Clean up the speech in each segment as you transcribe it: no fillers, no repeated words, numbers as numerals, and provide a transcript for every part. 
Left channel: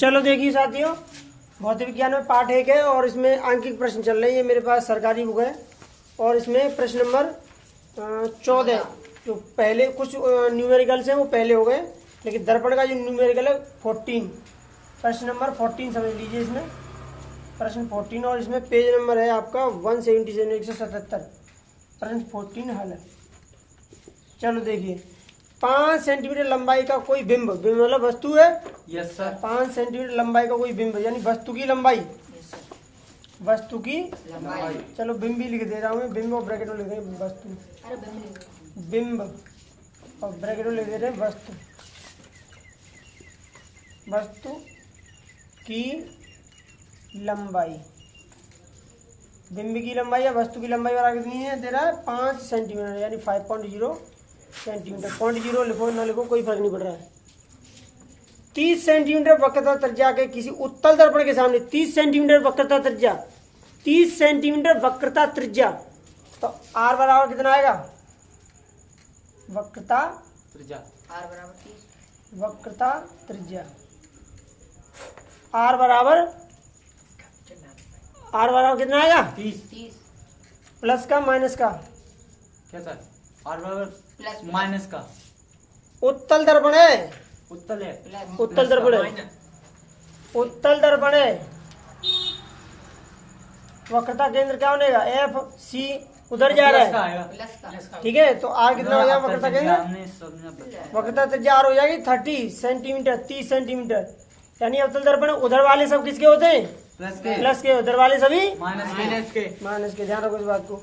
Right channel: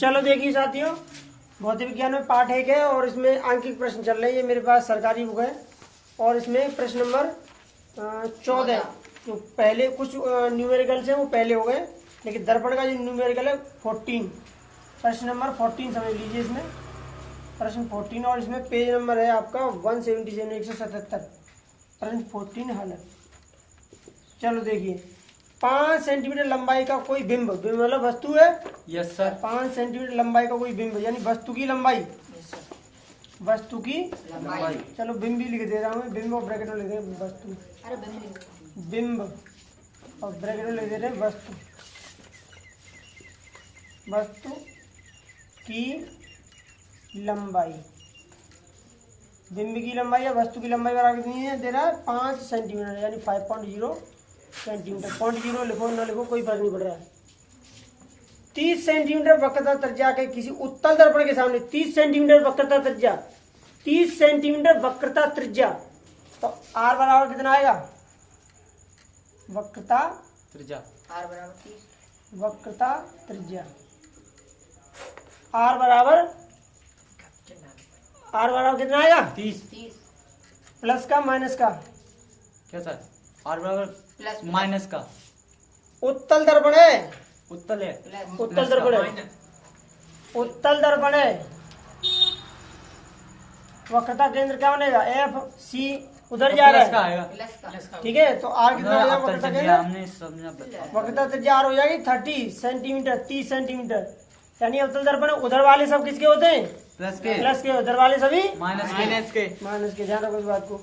चलो देखिए साथियों, भौतिक विज्ञान में पाठ 1 है और इसमें आंकिक प्रश्न चल रहे हैं। ये मेरे पास सरकारी बुक है और इसमें प्रश्न नंबर 14। जो पहले कुछ न्यूमेरिकल्स हैं वो पहले हो गए, लेकिन दर्पण का जो न्यूमेरिकल है 14, प्रश्न नंबर 14 समझ लीजिए। इसमें प्रश्न 14 और इसमें पेज नंबर है आपका 177 177। प्रश्न 14 हल है। चलो देखिए, 5 सेंटीमीटर लंबाई का कोई बिंब, बिंब मतलब वस्तु है। Yes sir. 5 सेंटीमीटर लंबाई का कोई बिंब यानी वस्तु की लंबाई, वस्तु की लंबाई। चलो बिंब भी लिख दे रहा हूँ, बिंब और ब्रैकेट में लिख दे रहे हैं वस्तु, बिंब और ब्रैकेट में लिख दे रहे हैं वस्तु, वस्तु की लंबाई। बिंब की लंबाई या वस्तु की लंबाई बराबर कितनी है? दे रहा है 5 सेंटीमीटर यानी 5.0 सेंटीमीटर। 0.0 लिखो ना लिखो कोई फर्क नहीं पड़ रहा है। 30 सेंटीमीटर वक्रता त्रिज्या के किसी उत्तल दर्पण के सामने 30 सेंटीमीटर वक्रता त्रिज्या, 30 सेंटीमीटर वक्रता त्रिज्या, तो आर बराबर कितना आएगा? वक्रता त्रिज्या आर बराबर 30। वक्रता त्रिज्या आर बराबर कितना आएगा? 30 प्लस का माइनस का? क्या सर? आर बराबर प्लस माइनस का। उत्तल दर्पण है, उत्तल है। प्लस उत्तल दर्पण है, उत्तल दर्पण है। वक्रता केंद्र क्या बनेगा? एफ सी उधर जा रहा है, प्लस का ठीक है। तो आर कितना हो जाएगा वक्रता केंद्र? हमने समझा। वक्रता त्रिज्या आर हो जाएगी 30 सेंटीमीटर, 30 सेंटीमीटर यानी अवतल दर्पण उधर वाले सब किसके होते हैं? प्लस के। प्लस के। उधर वाले सभी माइनस के। माइनस के। ध्यान रखो इस बात को।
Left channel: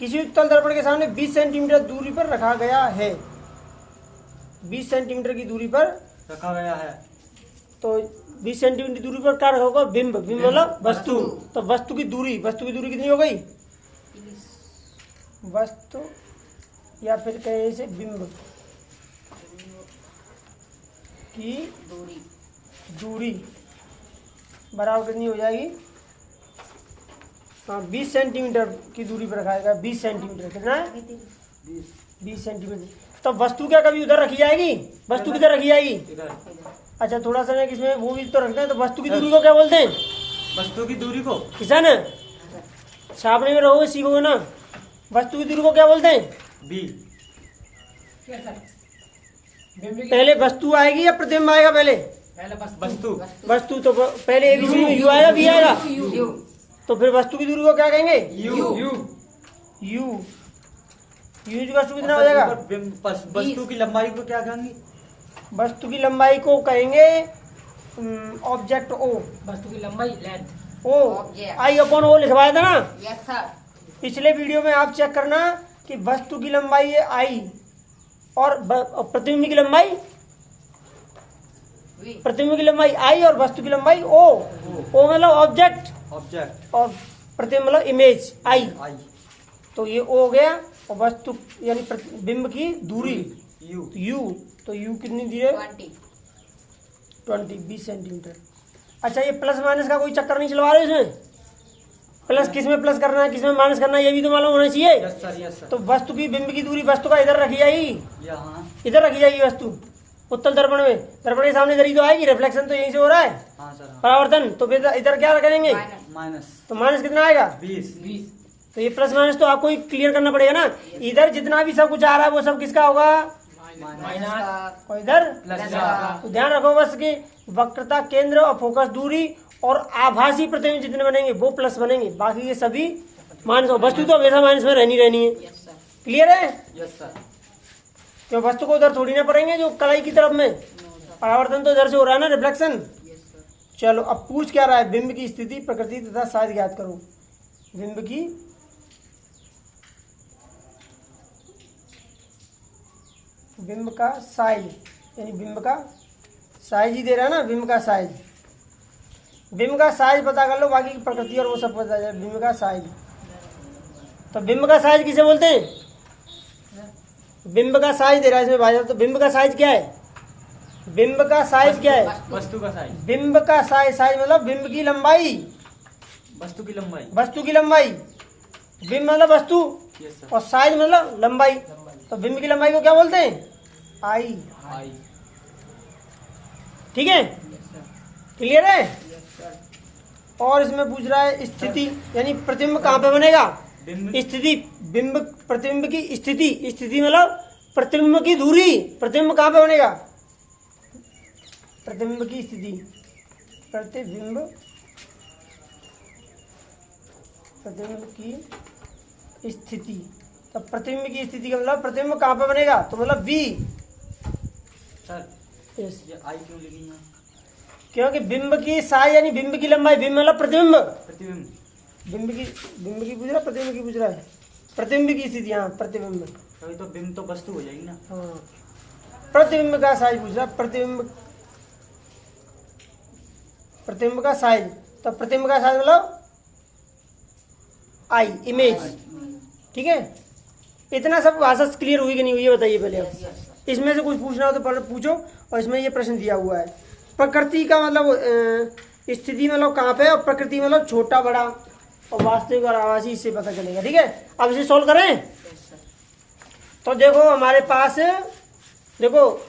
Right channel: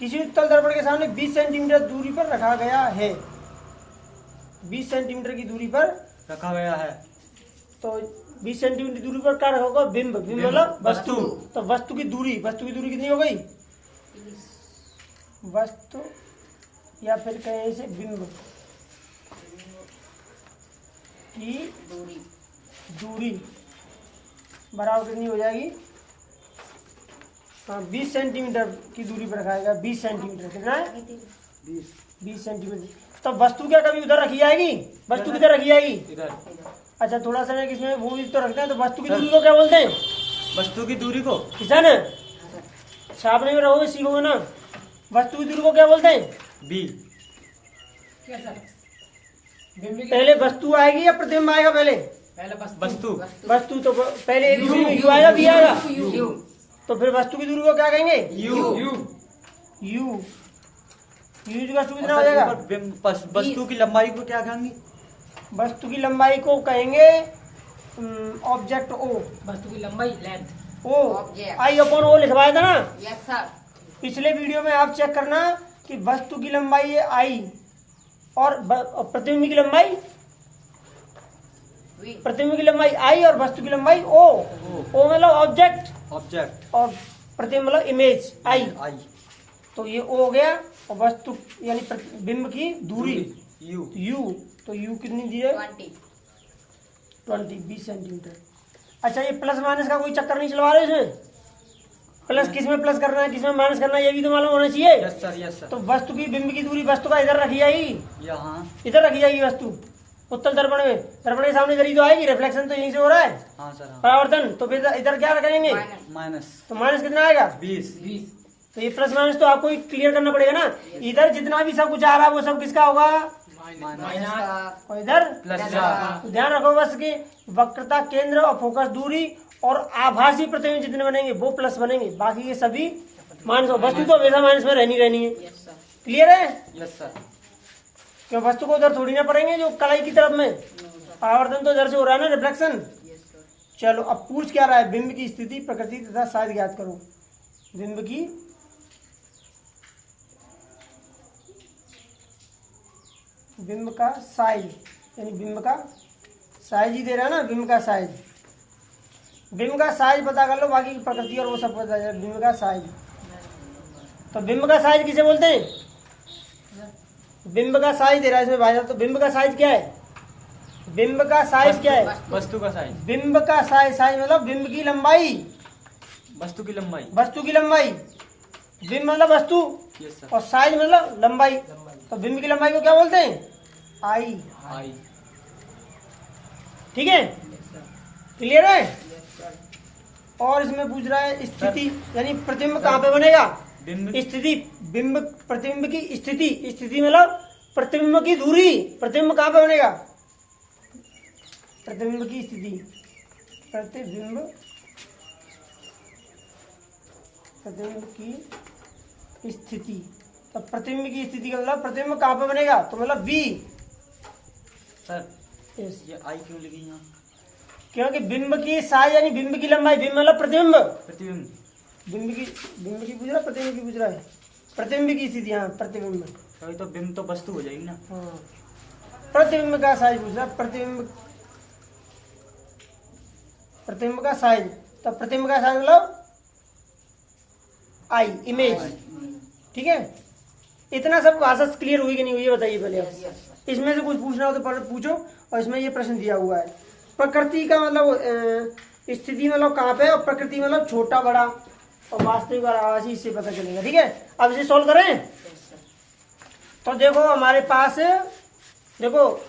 किसी उत्तल दर्पण के सामने 20 सेंटीमीटर दूरी पर रखा गया है, 20 सेंटीमीटर की दूरी पर रखा गया है। तो 20 सेंटीमीटर दूरी पर क्या रखा होगा? बिंब। बिंब मतलब वस्तु। तो वस्तु की दूरी कितनी हो गई? वस्तु या फिर कहे इसे बिंब की दूरी बराबर कितनी हो जाएगी? 20 सेंटीमीटर की दूरी पर रखा गया। 20 सेंटीमीटर कितना है? 20 सेंटीमीटर। तो वस्तु क्या कभी उधर रखी जाएगी? वस्तु किधर रखी जाएगी? इधर। अच्छा थोड़ा सा इसमें वो भी तो रखते हैं। तो वस्तु की दूरी को क्या बोलते हैं? वस्तु की दूरी को किसान छापने में रहो सीखो ना। वस्तु की दूरी को क्या बोलते हैं? बी। पहले वस्तु आएगी या प्रतिबिंब आएगा? पहले वस्तु। वस्तु। तो पहले एक दूरी में यू आएगा, बी आएगा, तो फिर वस्तु की दूरी को क्या कहेंगे? यू। यू वस्तु कितना हो जाएगा? वस्तु की लंबाई को क्या कहेंगे? वस्तु की लंबाई को कहेंगे ऑब्जेक्ट ओ। वस्तु की लंबाई लेंथ। ओ आई अपॉन ओ लिखवाया था ना यस सर। पिछले वीडियो में। आप चेक करना कि वस्तु की लंबाई है आई और प्रतिबिंब की लंबाई, प्रतिबिंब की लंबाई आई और वस्तु की लंबाई ओ। ओ मतलब ऑब्जेक्ट और प्रतिबिंब मतलब इमेज आई। तो ये ओ हो गया और वस्तु यानी बिंब की दूरी यू। तो यू कितनी दी है? 20 सेंटीमीटर। अच्छा ये प्लस माइनस का कोई चक्कर नहीं चलवा रहे इसमें? प्लस किसमें प्लस करना है किसमें माइनस करना है ये भी तो मालूम होना चाहिए। Yes sir, yes sir. तो वस्तु की बिंब की दूरी वस्तु का इधर रखी जाएगी, यहाँ। इधर रखी जाएगी वस्तु उत्तल दर्पण में। दर्पण के सामने इधर ही तो आएगी, रिफ्लेक्शन तो यहीं से हो रहा है, हाँ सर। परावर्तन। तो फिर इधर क्या करेंगे? माइनस। तो माइनस कितना आएगा? 20। तो ये प्लस माइनस तो आपको क्लियर करना पड़ेगा ना। इधर जितना भी सब कुछ आ रहा है वो सब किसका होगा? माइनस और इधर प्लस। तो ध्यान रखो बस कि वक्रता केंद्र और फोकस दूरी और आभासी प्रतिबिंब जितने बनेंगे वो प्लस बनेंगे, बाकी ये सभी माइनस। वस्तु तो हमेशा माइनस में रहनी है। क्लियर है? Yes sir. क्यों वस्तु को उधर थोड़ी ना पड़ेंगे जो कलाई की तरफ में, परावर्तन तो इधर से हो रहा है ना, रिफ्लेक्शन। चलो अब पूछ क्या रहा है? बिंब की स्थिति, प्रकृति तथा साइज ज्ञात करो। बिंब की बिंब का साइज यानी बिंब का साइज ही दे रहा है ना, बिंब का साइज। बिंब का साइज पता कर लो, बाकी की प्रकृति और वो सब पता है। बिंब का साइज, तो बिंब का साइज किसे बोलते हैं? बिंब का साइज दे रहा है इसमें भाई साहब। तो बिंब का साइज क्या है? बिंब का साइज क्या है? वस्तु का साइज। बिंब का साइज मतलब बिंब की लंबाई, वस्तु की लंबाई। वस्तु की लंबाई। बिंब मतलब वस्तु यस सर। और साइज मतलब लंबाई। तो बिंब की लंबाई को क्या बोलते हैं? आई। आई। ठीक है। क्लियर है। और इसमें पूछ रहा है स्थिति, यानी प्रतिबिंब कहाँ पे बनेगा। बिंब स्थिति, बिंब प्रतिबिंब की स्थिति, स्थिति मतलब प्रतिबिंब की दूरी, प्रतिबिंब कहाँ पे बनेगा, प्रतिबिंब की स्थिति, प्रतिबिंब की स्थिति। तो प्रतिबिंब की स्थिति का मतलब प्रतिबिंब कहाँ पे बनेगा, तो मतलब V। सर यस, ये आई क्यों लिखी यहाँ? क्योंकि बिंब की साइज यानी बिंब की लंबाई, बिंब मतलब प्रतिबिंब, प्रतिबिंब बिंब की पूछ रहा है, प्रतिबिंब की पूछ रहा है, प्रतिबिंब की स्थिति। हाँ प्रतिबिंब, कभी तो बिंब तो वस्तु हो जाएगी ना। हाँ प्रतिबिंब का साइज पूछ रहा है, प्रतिबिंब का साइज। तो प्रतिबिंब का साइज मतलब आई, इमेज। ठीक है, इतना सब भाषा क्लियर हुई कि नहीं हुई ये बताइए पहले आप। इसमें से कुछ पूछना हो तो पहले पूछो। और इसमें ये प्रश्न दिया हुआ है, प्रकृति का मतलब स्थिति मतलब कहाँ पे, और प्रकृति मतलब छोटा बड़ा, और वास्तविक और आभासी, इससे पता चलेगा। ठीक है, अब इसे सॉल्व करें। तो देखो हमारे पास, देखो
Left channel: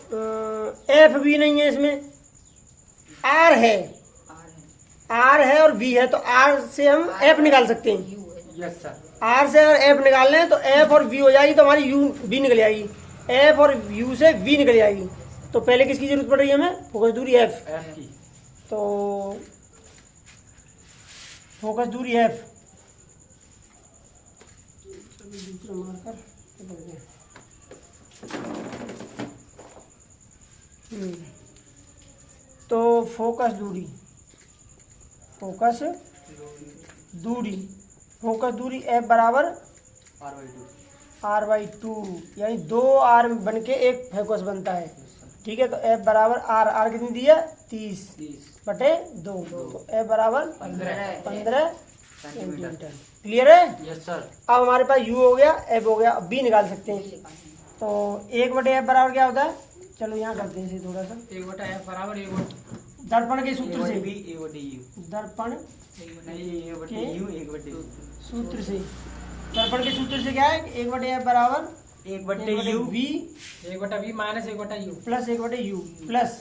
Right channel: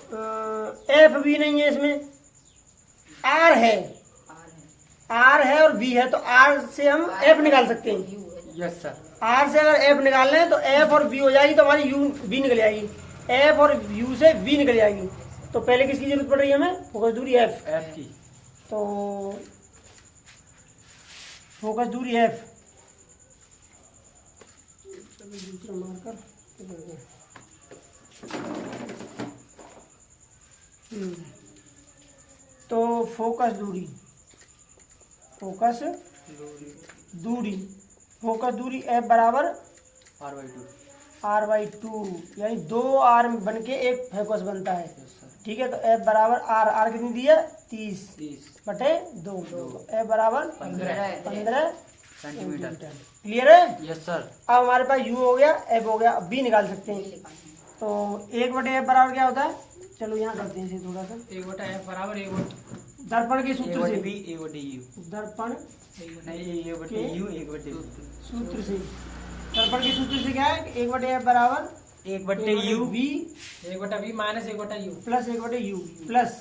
एफ भी नहीं है इसमें, आर है, आर है और वी है। तो आर से हम एफ निकाल सकते हैं। Yes sir. आर से अगर एफ निकालने हैं तो एफ और वी हो जाएगी, तो हमारी यू वी निकल जाएगी, एफ और यू से वी निकल जाएगी। तो पहले किसकी जरूरत पड़ रही है हमें, फोकस दूरी एफ। एफ की। तो फोकस दूरी एफ, दूसरा मार्कर पकड़ गया। तो फोकस दूरी, फोकस दूरी एफ बराबर R/2, यानी 2 R बन के एक फोकस बनता है। ठीक है, तो F बराबर R कितनी दी है, 30/2। F बराबर 15 सेंटीमीटर। क्लियर है। Yes sir. अब हमारे पास U हो गया, F हो गया, अब B निकाल सकते हैं। तो 1/F बराबर क्या होता है, चलो यहाँ करते हैं थोड़ा सा। 1/F बराबर 1 दर्पण के सूत्र से, बी ए बटे यू। दर्पण नहीं, ए बटे यू, एक बटे यू। सूत्र से, दर्पण के सूत्र से क्या है, 1/F बराबर 1 बटे you V 1/V minus 1/U plus 1/U plus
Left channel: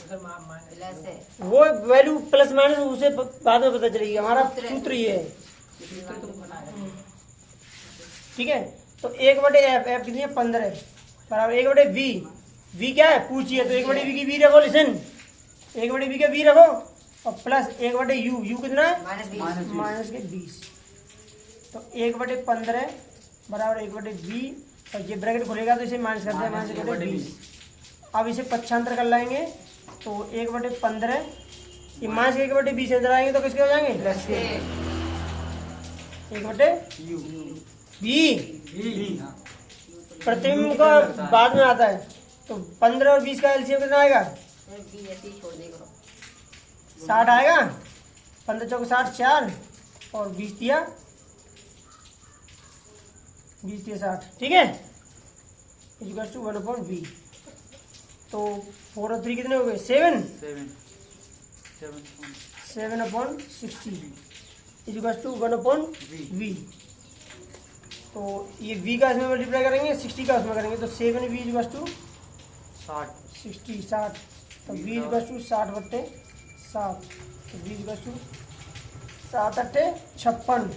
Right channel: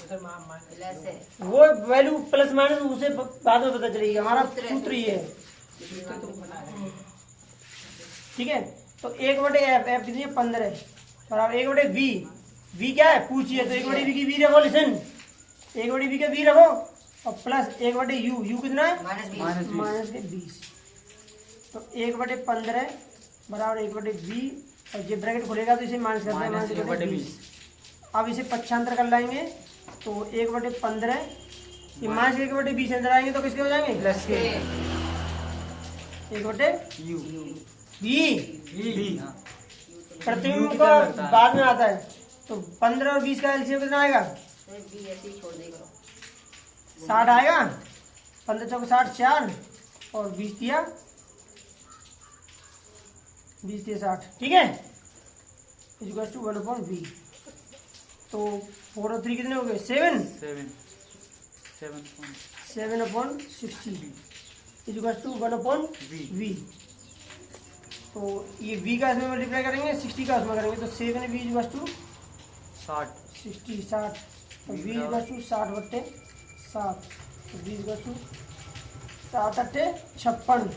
sir minus वो वैल्यू प्लस माइनस उसे बाद में पता चलेगी। हमारा सूत्र ये है। ठीक है, तो 1/F, F कितनी है 15 बराबर 1/V। V क्या है पूछिए, तो 1/V की V रखो, लिसन 1/V का V रखो, और प्लस 1/U, U कितना है माइनस के 20। तो 1/15 बराबर 1/V, और ये ब्रैकेट खुलेगा तो इसे माइनस करते हैं, माइनस 1/20। अब इसे पक्षांतर कर लाएंगे, तो 1/15 ये माइनस 1/20 अंदर आएंगे तो किसके हो जाएंगे, प्लस के 1/V। प्रतिबिंब का बाद में आता है, तो 15 और 20 का एलसीएम कितना आएगा, 60 आएगा। 15 चौक 60, 4 और 20 दिया 60। ठीक है, इक्वल टू 1/V। तो 4 और 3 कितने हो गए, 7/60 इक्वल टू 1/V। तो ये V का इसमें मल्टीप्लाई करेंगे, 60 का इसमें करेंगे, तो 7V इक्वल टू 60। तो V इक्वल टू 60/7, तो V इक्वल टू 7/8 56,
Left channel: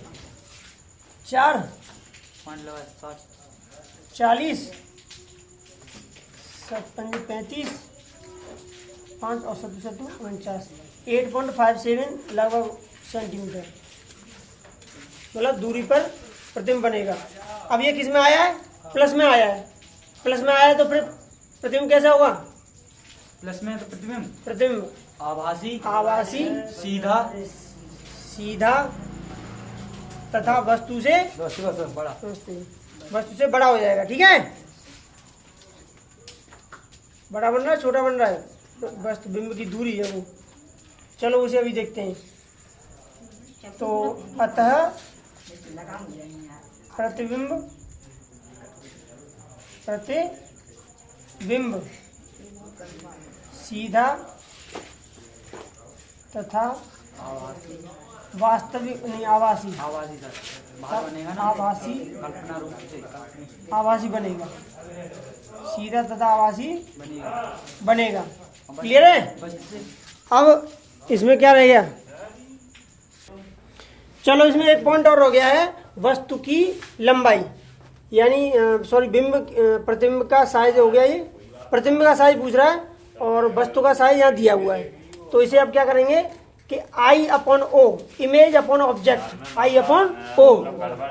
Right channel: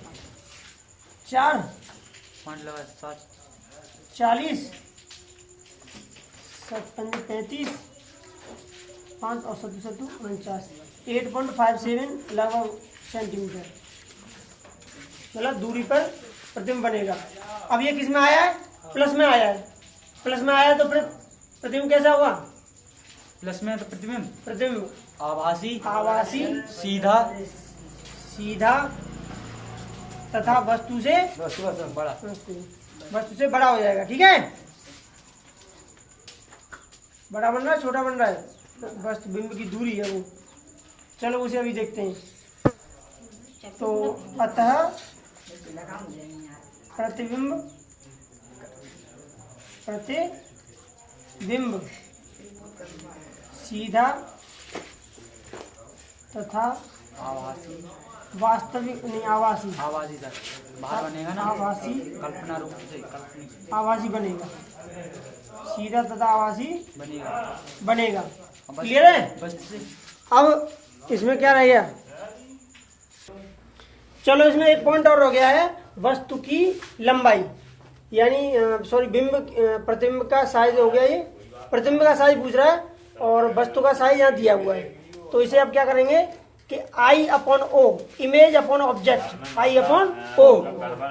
4 40, 7 35, 5 और 7 49, 8.57 लगभग सेंटीमीटर मतलब दूरी पर प्रतिबिंब बनेगा। अब ये किस में आया है, प्लस में आया है। प्लस में आया है तो प्रतिबिंब कैसा होगा, प्लस में तो प्रतिबिंब आभासी सीधा तथा वस्तु से बड़ा हो जाएगा। ठीक है, बड़ा बन रहा है छोटा बन रहा है, तो वस्तु बिंब की दूरी है वो। चलो उसे अभी देखते हैं। तो अतः प्रतिबिंब सीधा तथा वास्तविक नहीं आभासी बनेगा, सीधा तथा आभासी बनेगा। क्लियर है। अब इसमें क्या रह गया? चलो इसमें एक पॉइंट और हो गया है, वस्तु की लंबाई, यानी सॉरी प्रतिबिंब का साइज हो गया। ये प्रतिबिंब का साइज पूछ रहा है और वस्तु का साइज यहाँ दिया हुआ है। तो इसे अब क्या करेंगे कि I upon O, image upon object, I upon O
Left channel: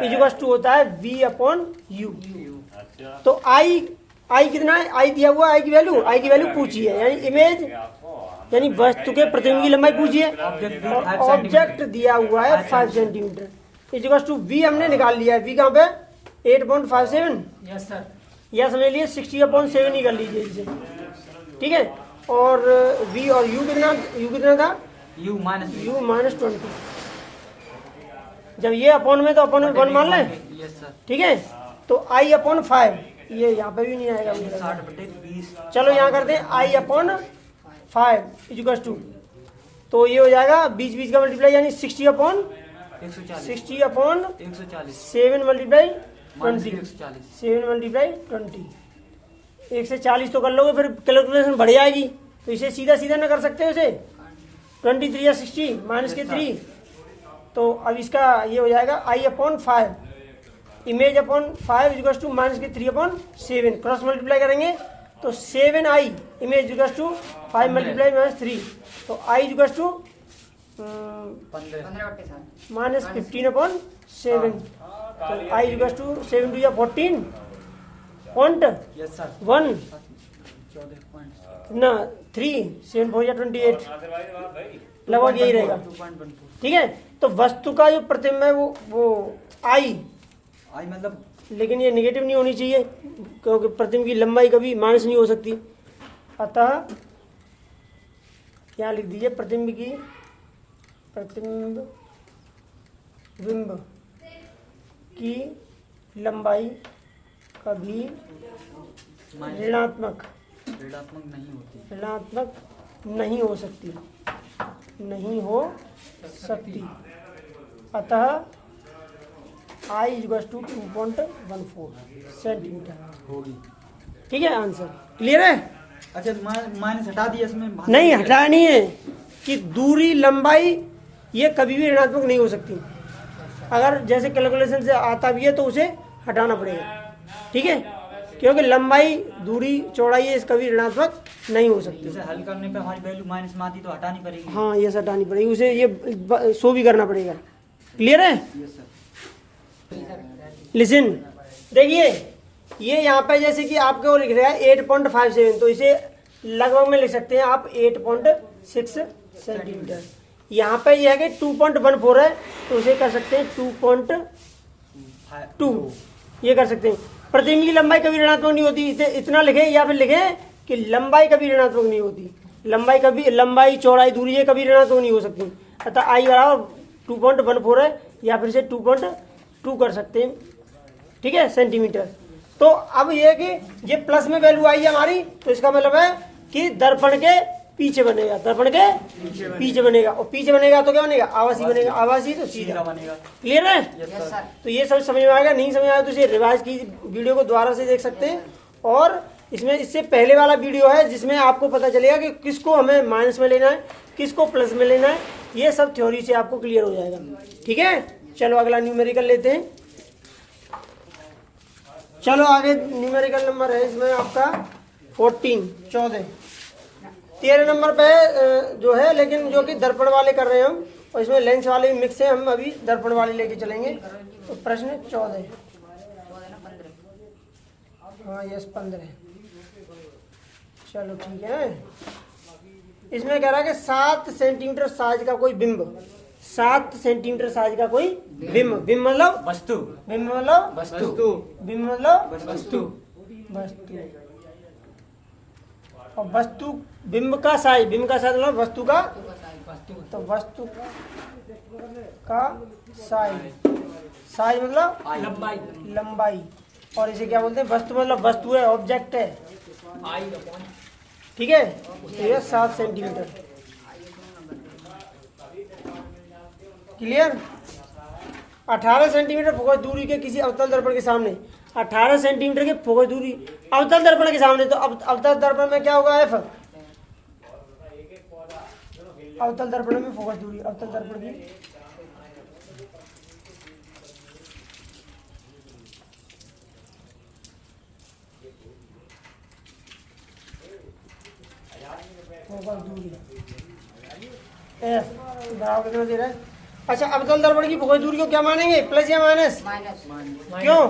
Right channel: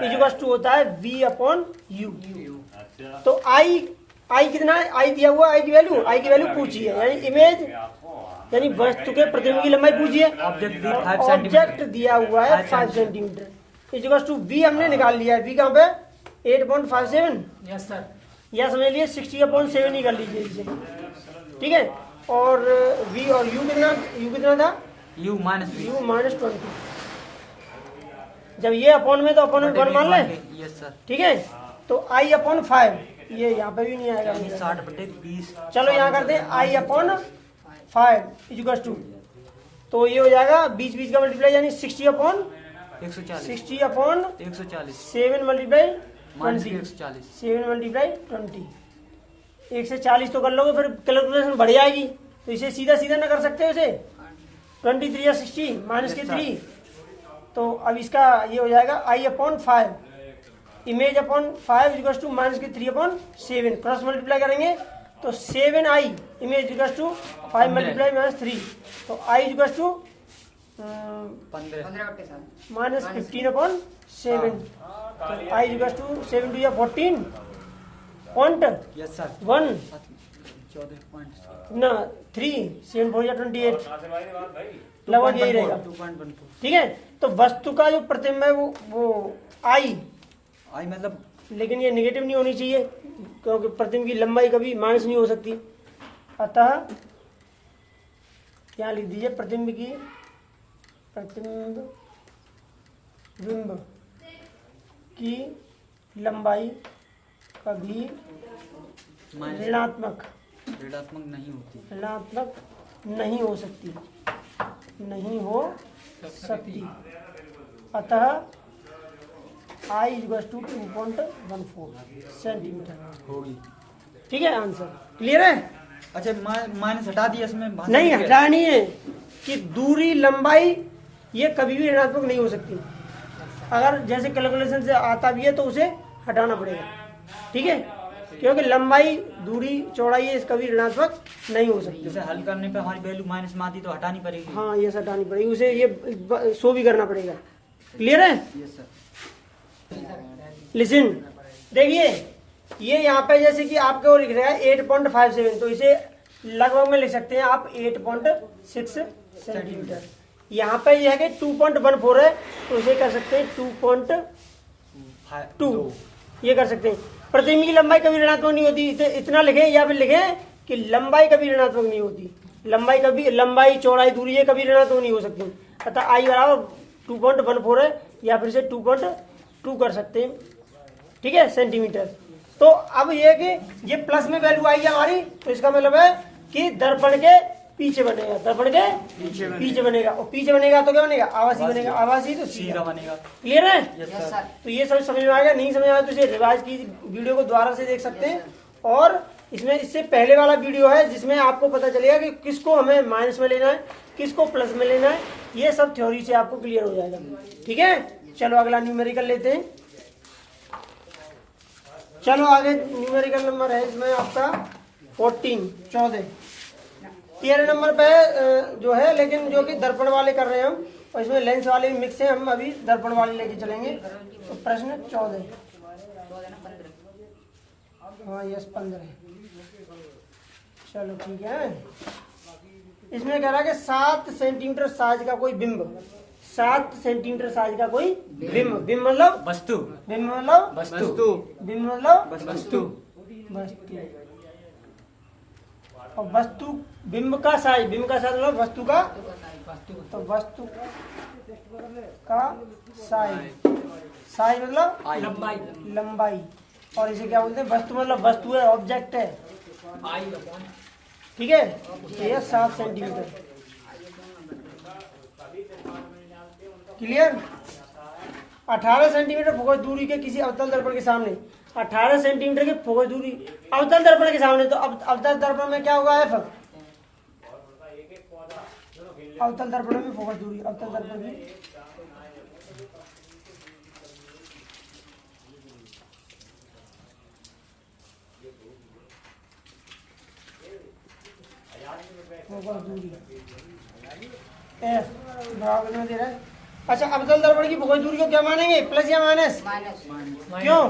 equals to होता है V अपॉन U। तो I कितना है? I दिया हुआ, I की वैल्यू पूछी है, यानी इमेज यानी वस्तु के प्रतिबिंब की लंबाई पूछी है। ऑब्जेक्ट दिया हुआ है 5 सेंटीमीटर इक्वल्स टू V हमने निकाल लिया है। V कहाँ पे? 8.57। Yes sir. या समझ लिए 60/7 ही कर लीजिए इसे, ठीक है। और V और U कितना था? U minus 20। जब ये अपॉन में तो अपॉन में 1 मान लें, यस सर। ठीक है। तो I अपॉन 5, ये यहाँ पे भी नहीं आएगा मेरा। 60/20। चलो यहाँ करते हैं I अपॉन 5 इक्वल्स टू, तो ये हो जाएगा 20 का मल्टीप्लाई, यानी 60 अपॉन 140 7 मल्टीप्लाई 20, 140 7 मल्टीप्लाई 20, 140 तो कर लोगे, फिर कैलकुलेशन बढ़ जाएगी। तो इसे सीधा ना कर सकते हो इसे, 23 या 60 माइनस के 3। तो अब इसका ये हो जाएगा I upon 5 image upon 5 equals to minus के 3/7, क्रॉस मल्टीप्लाई करेंगे तो 7I image equals to 5 multiply minus 3, तो I इक्वल्स टू 15 माइनस 15/7, तो I इक्वल्स टू 7 या 14 पॉइंट यस सर। 1 14 पॉइंट ना 3 7 4 या 28 लगभग यही रहेगा, 2.12। ठीक है। तो वस्तु का जो प्रतिबिंब है वो I, मतलब लेकिन ये नेगेटिव नहीं होनी चाहिए क्योंकि प्रतिबिंब की लंबाई कभी माइनस नहीं हो सकती। अतः क्या लिख दीजिए, प्रतिबिंब की लंबाई कभी ऋणात्मक नहीं हो सकती, अतः I इक्वल्स टू 2.14 सेंटीमीटर होगी। ठीक है। आंसर क्लियर है? अच्छा माइनस हटा दिया इसमें? नहीं हटाया नहीं है कि दूरी लंबाई ये कभी भी ऋणात्मक नहीं हो सकती। अगर जैसे कैलकुलेशन से आता भी है तो उसे हटाना पड़ेगा, ठीक है, क्योंकि लंबाई दूरी चौड़ाई है, कभी ऋणात्मक नहीं हो सकती। जैसे हल करने पे हमारी वैल्यू माइनस में आती तो हटानी पड़ेगी। हाँ, ये हटानी पड़ेगी, उसे ये शो भी करना पड़ेगा। क्लियर है? Yes sir. लिसन, देखिए ये यहाँ पे जैसे कि आपके वो लिख रहा है 8.57, तो इसे लगभग में लिख सकते हैं आप 8.6 सेंटीमीटर। यहाँ पे ये है कि 2.14 है, तो इसे कर सकते हैं 2.2, ये कर सकते हैं। प्रतिबिंब की लंबाई कभी ऋणात्मक नहीं होती, इतना लिखे या फिर लिखे कि लंबाई कभी ऋणात्मक नहीं होती, लंबाई चौड़ाई दूरी है कभी ऋणात्मक नहीं हो सकती। अतः I बराबर 2.14 है, या फिर से 2.2 कर सकते हैं, ठीक है, सेंटीमीटर। तो अब ये है कि ये प्लस में वैल्यू आई है हमारी, तो इसका मतलब है कि दर्पण के पीछे बनेगा, पीछे बनेगा, और पीछे बनेगा तो क्या बनेगा? आवासी बनेगा, आवासी तो सीधा बनेगा। क्लियर है? तो ये सब समझ में आ गया। नहीं समझ में आया तो इसे रिवाइज की वीडियो को दोबारा से देख सकते हैं, और इसमें इससे पहले वाला वीडियो है जिसमें आपको पता चलेगा कि किसको हमें माइनस में लेना है, किसको प्लस में लेना है, ये सब थ्योरी से आपको क्लियर हो जाएगा। ठीक है, चलो अगला न्यूमेरिकल लेते हैं। चलो आगे न्यूमेरिकल नंबर है इसमें आपका 14 13 नंबर पे जो है, लेकिन जो कि दर्पण वाले कर रहे हैं हम, और इसमें लेंस वाले भी मिक्स है, हम अभी दर्पण वाले लेके चलेंगे। तो प्रश्न 14, हाँ यस 15, चलो ठीक है। इसमें कह रहा है कि 7 सेंटीमीटर साइज का कोई बिंब, 7 सेंटीमीटर साइज का कोई बिंब, बिंब मतलब वस्तु, बिंब मतलब वस्तु, बिंब मतलब वस्तु, और वस्तु बिंब का साइज मतलब वस्तु का, तो वस्तु का साइज मतलब लंबाई, और इसे क्या बोलते हैं? वस्तु मतलब वस्तु है, ऑब्जेक्ट है, ठीक है। तो ये 7 सेंटीमीटर। क्लियर? 18 सेंटीमीटर फोकस दूरी के किसी अवतल दर्पण के सामने, 18 सेंटीमीटर की फोकस दूरी अवतल दर्पण के सामने, तो अवतल दर्पण में क्या होगा? F अवतल दर्पण में फोकस दूरी, अवतल दर्पण की फोकस दूरी एफ बराबर कितना दे रहा है। अच्छा, अवतल दर्पण की फोकस दूरी को क्या मानेंगे, प्लस या माइनस? माइनस। क्यों?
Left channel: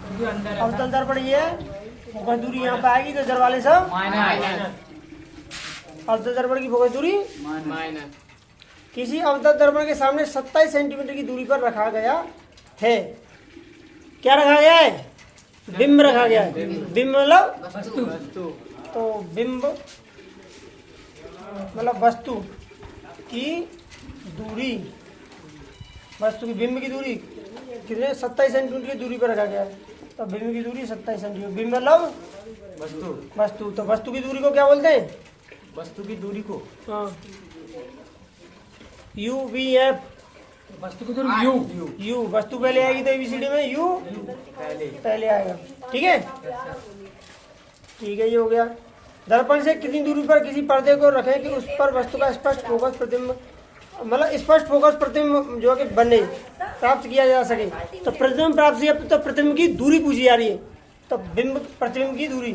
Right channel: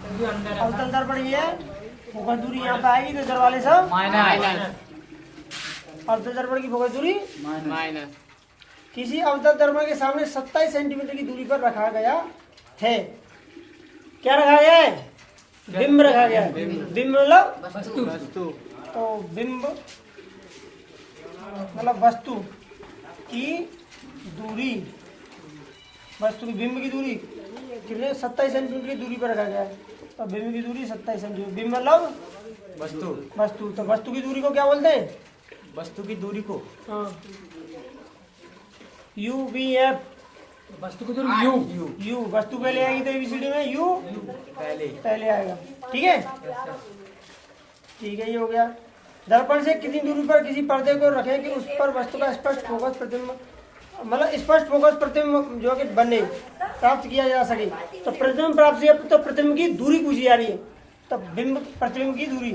क्योंकि अंदर है अवतल ना। दर्पण ये है, फोकस दूरी यहाँ पे आएगी तो इधर वाले सब माइनस। अवतल दर्पण की फोकस दूरी माइनस। किसी अवतल दर्पण के सामने 27 सेंटीमीटर की दूरी पर रखा गया है। क्या रखा गया है? बिंब रखा गया है। बिंब मतलब वस्तु। तो बिंब मतलब वस्तु की दूरी, वस्तु की बिंब की दूरी कितने 27 सेंटीमीटर की दूरी पर रखा गया है। तो बिंब की दूरी 27 सेंटीमीटर, बिंब मतलब वस्तु। तो वस्तु की दूरी को क्या बोलते हैं? वस्तु की दूरी को हाँ, यू वी एफ। वस्तु की दूरी यू। यू वस्तु पहले आएगी तो एबीसीडी में यू पहले आएगा। ठीक है, ठीक है, ये हो गया। दर्पण से कितनी दूरी पर किसी पर्दे को रखें कि उस पर वस्तु का स्पष्ट फोकस प्रतिबिंब, मतलब स्पष्ट फोकस प्रतिबिंब जो कि बने, प्राप्त किया जा सके। तो प्रतिबिंब प्राप्त किया तो प्रतिबिंब की दूरी पूछी जा रही है। तो बिंब प्रतिबिंब की दूरी,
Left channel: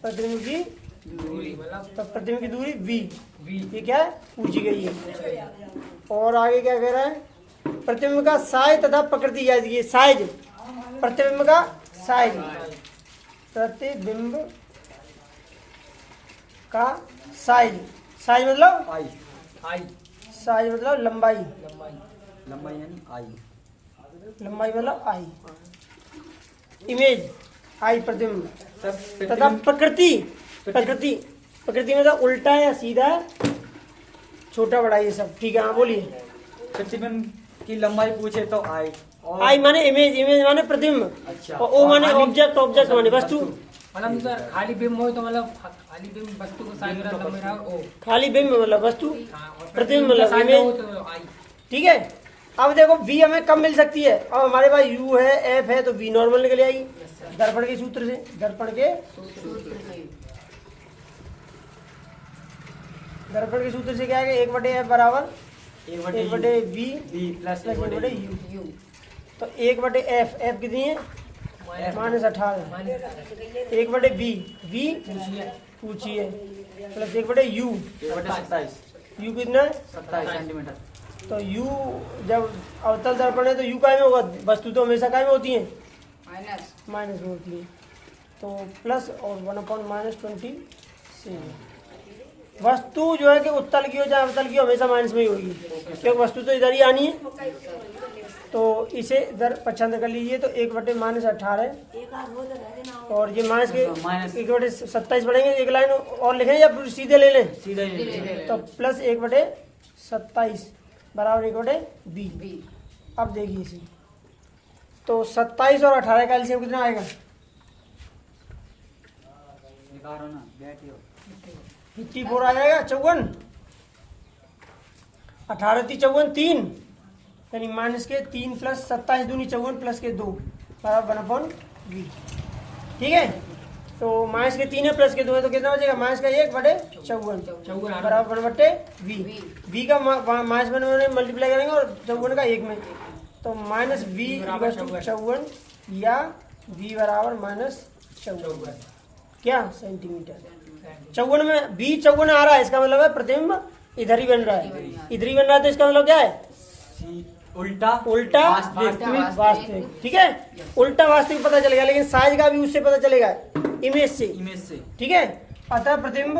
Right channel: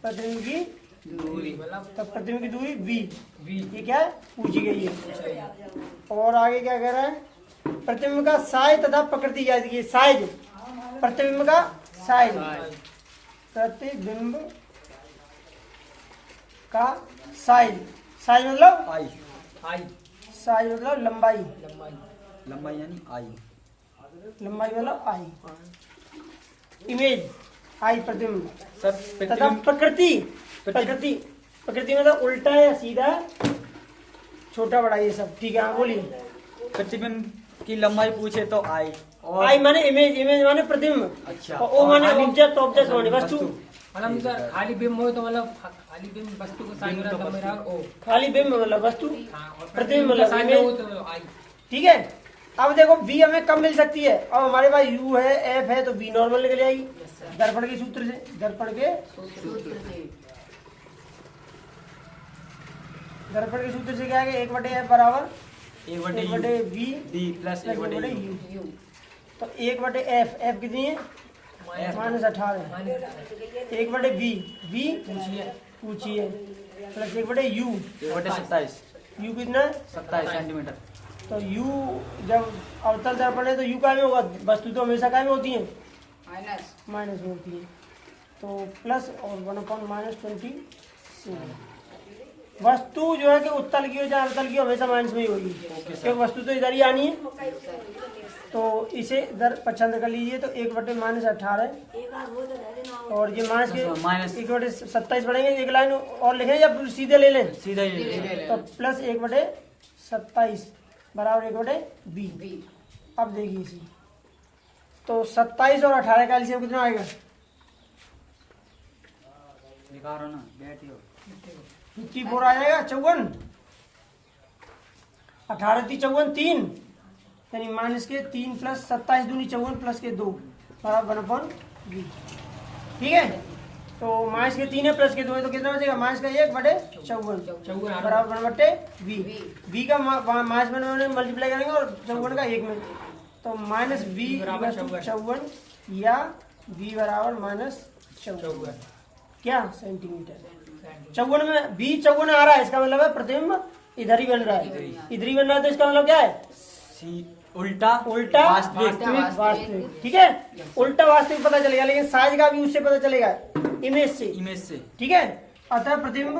प्रतिबिंब की दूरी मतलब तो प्रतिबिंब की दूरी वी, वी। ये क्या है, पूछी गई है। और आगे क्या कह रहा है? प्रतिबिंब का साइज तथा प्रकृति याद कीजिए। साइज, प्रतिबिंब का साइज, प्रतिबिंब का साइज, साइज मतलब आई, आई साइज मतलब लंबाई, लंबाई। लंबाई यानी आई, लंबाई मतलब आई। इमेज आई प्रतिबिंब सब तथा प्रतिबिंब प्रकृति, प्रकृति प्रकृति मतलब उल्टा या सीधा, छोटा बड़ा ये सब। ठीक है, हाँ बोलिए। प्रतिबिंब की लंबाई पूछे तो आई, और आई माने इमेज, इमेज माने प्रतिबिंब, अच्छा, और ओ माने खाली- ऑब्जेक्ट, ऑब्जेक्ट माने वस्तु। मतलब सर खाली बिंब हो तो मतलब खाली बिंब वस्तु को साइज रहा लंबाई रहा ओ। खाली बिंब मतलब वस्तु, हाँ, और प्रतिबिंब प्रतिबिंब का मतलब साइज इमेज। हो तो आई। ठीक है। अब देखो वी हमें कब मिल सकती है? अब हमारे पास यू है, एफ है, तो वी नॉर्मल निकल आएगी दर्पण के सूत्र से। दर्पण के सूत्र से क्या है? 1/f बराबर 1/v B plus plus 1/u। You. तो 1/f, एफ कितनी है? -18। माइनस 1/v, वी पूछिए पूछिए, प्लस 1/u, 27 u कितना? 27 सेंटीमीटर। तो u जब अवतल दर्पण है तो u काय में होगा? वस्तु तो हमेशा काय में होती है? माइनस। माइनस में होती है। तो प्लस और 1/-27। वस्तु जो है कि उत्तल की हो चाहे अवतल की हो, हमेशा माइनस में ही होगी, क्योंकि वस्तु तो इधर ही आनी है। तो इसे इधर पच्छांतर कर लीजिए। तो 1/-18 और ये माइनस के माइनस 1/27 बढ़ेंगे। एक लाइन और लिखें या सीधे ले लें? सीधा ही तो प्लस 1/27 बराबर 1/b। बी। अब देखिए इसे, तो 27 और 18 का एलसीएम कितना आएगा? निकालो ना, बैठियो। 54 आ जाएगा, 54। 18 × 54 3, यानी माइनस के 3 प्लस 27 दूनी 54 प्लस के 2 बराबर 1/b। ठीक है, तो माइनस के 3 है प्लस के 2 है, तो कितना बचेगा? माइनस का 1/54 बराबर 1/v। v का माइनस में मल्टीप्लाई करेंगे और 54 का 1 में, तो माइनस v बराबर 54 या v बराबर -54 क्या सेंटीमीटर। 54 में v 54 आ रहा है, इसका मतलब है प्रतिबिंब इधर ही बन रहा है, इधर ही बन रहा है। तो इसका मतलब क्या है? उल्टा उल्टा वास्तविक। वास्तविक। ठीक है, उल्टा वास्तविक पता चलेगा, लेकिन साइज का भी उससे पता चलेगा, इमेज से। इमेज से। ठीक है, अतः प्रतिबिंब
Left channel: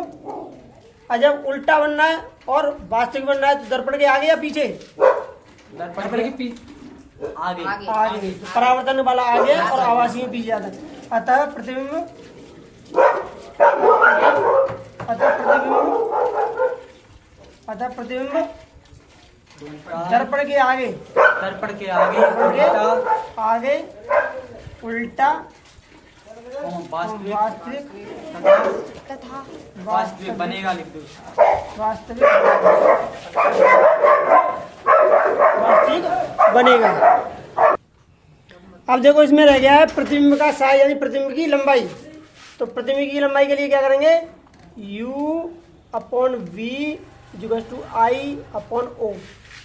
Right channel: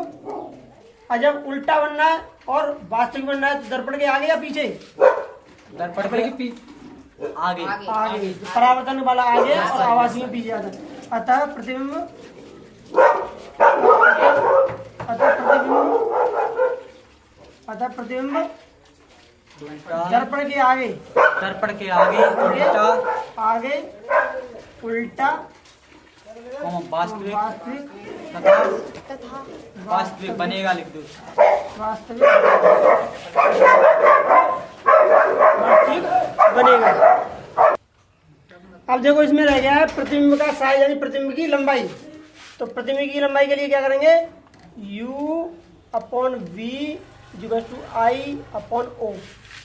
जब उल्टा बनना है और वास्तविक बनना है तो दर्पण के आगे या पीछे? दर्पण के आगे आगे। परावर्तन वाला आगे और आवासी में पीछे जाता है। अतः प्रतिबिंब दर्पण के आगे, दर्पण के आगे उल्टा आगे उल्टा वास्तविक तथा वास्तविक बनेगा, लिख दो। वास्तविक बनेगा। अब देखो इसमें रह गया है प्रतिबिंब का साइज यानी प्रतिबिंब की लंबाई। तो प्रतिबिंब की लंबाई के लिए क्या करेंगे, u upon v equal to I upon O,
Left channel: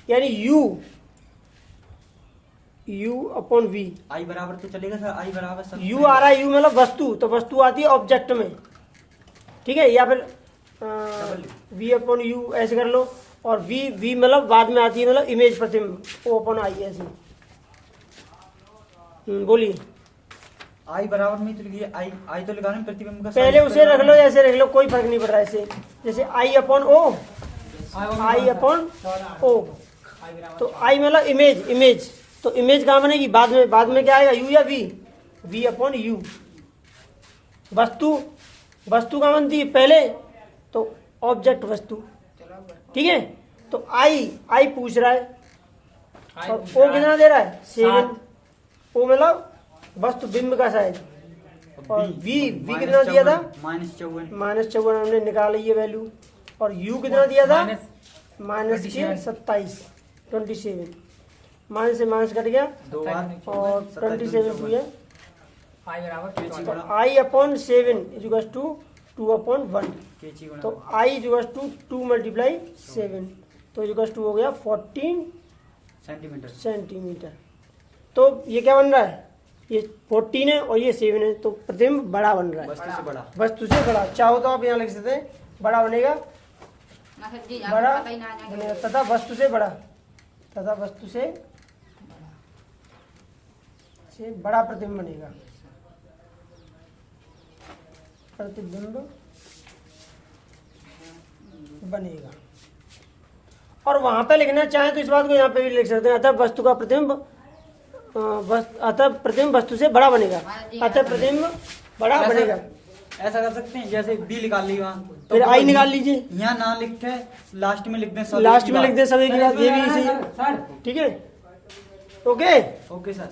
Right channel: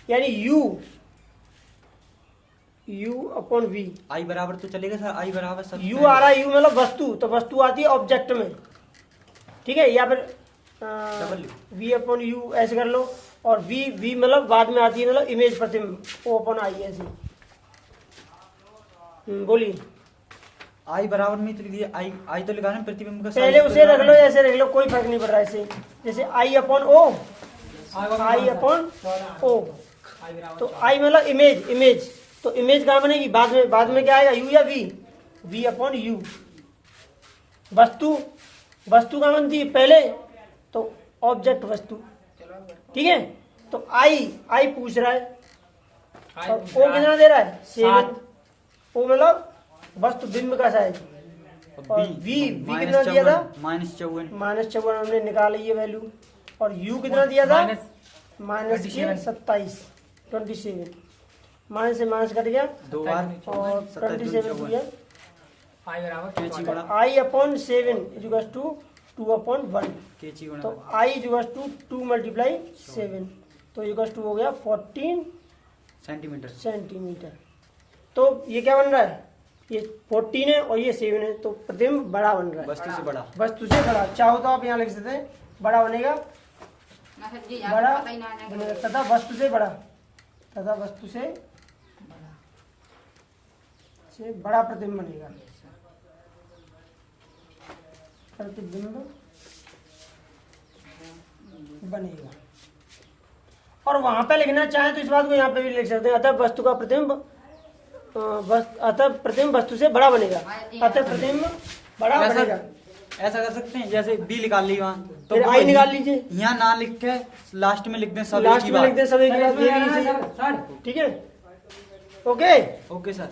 यानी u अपॉन v। आई बराबर तो चलेगा सर, आई बराबर सब u आ रहा है, u मतलब वस्तु, तो वस्तु आती है ऑब्जेक्ट में, ठीक है, या फिर v अपॉन u ऐसे कर लो, और v मतलब बाद में आती है, मतलब इमेज प्रतिबिंब, o अपॉन आई ऐसे। बोलिए। आई बराबर में तो लिखिए, आई तो लगाना प्रतिबिंब का पहले size उसे रख लो, लगाना। ऐसे रख लो, कोई फर्क नहीं पड़ रहा है ऐसे, जैसे आई अपॉन ओ, आई अपॉन ओ, तो आई मतलब इमेज, तो इमेज कहाँ बनेगी, बाद में क्या आएगा, यू या वी अपॉन यू। वस्तु कहाँ बनती है पहले, तो ऑब्जेक्ट वस्तु, ठीक है। तो आई पूछ रहा है, और ओ कितना दे रहा है, 7। ओ मतलब वस्तु बिंब का साइज, और वी कितना दिया था, -54। -54 हमने निकाल ली है वैल्यू, और यू कितना दिया था, -27, माइनस से माइनस कट गया, दो बार और 27 हुई है, आई बराबर कैची बड़ा आई अपॉन 7 इक्वल टू 2/1, कैची बड़ा तो आई इक्वल टू 2 मल्टीप्लाई 7, तो इक्वल टू हो गया 14 सेंटीमीटर। तो ये क्या बन रहा है, ये 14 है और ये 7 है, तो प्रतिबिंब बड़ा बन रहा है, वस्तु से बड़ा। वस्तु से बड़ा। चाहो तो आप यहाँ लिख सकते हैं, बड़ा बनेगा, ना सर जी, बड़ा आपको पता ही ना है बनेगा, तथा वस्तु से बड़ा प्रतिबिंब बनेगा, बनेगा। और वहां पे लिखना चाहे तो इस बात को यहाँ पे भी लिख सकते हैं, अतः वस्तु का प्रतिबिंब वस्तु से बड़ा बनेगा, अतः प्रतिबिंब बड़ा बनेगा। ऐसा कर सकते हैं, जैसे बी निकाल ली वहाँ, तो फिर आई निकाल लीजिए, यहाँ ना लिख के लास्ट में लिख दें सब लास्ट में लिख दे सब एक ही बात, ये भी सही है, ठीक है, ओके। Okay sir.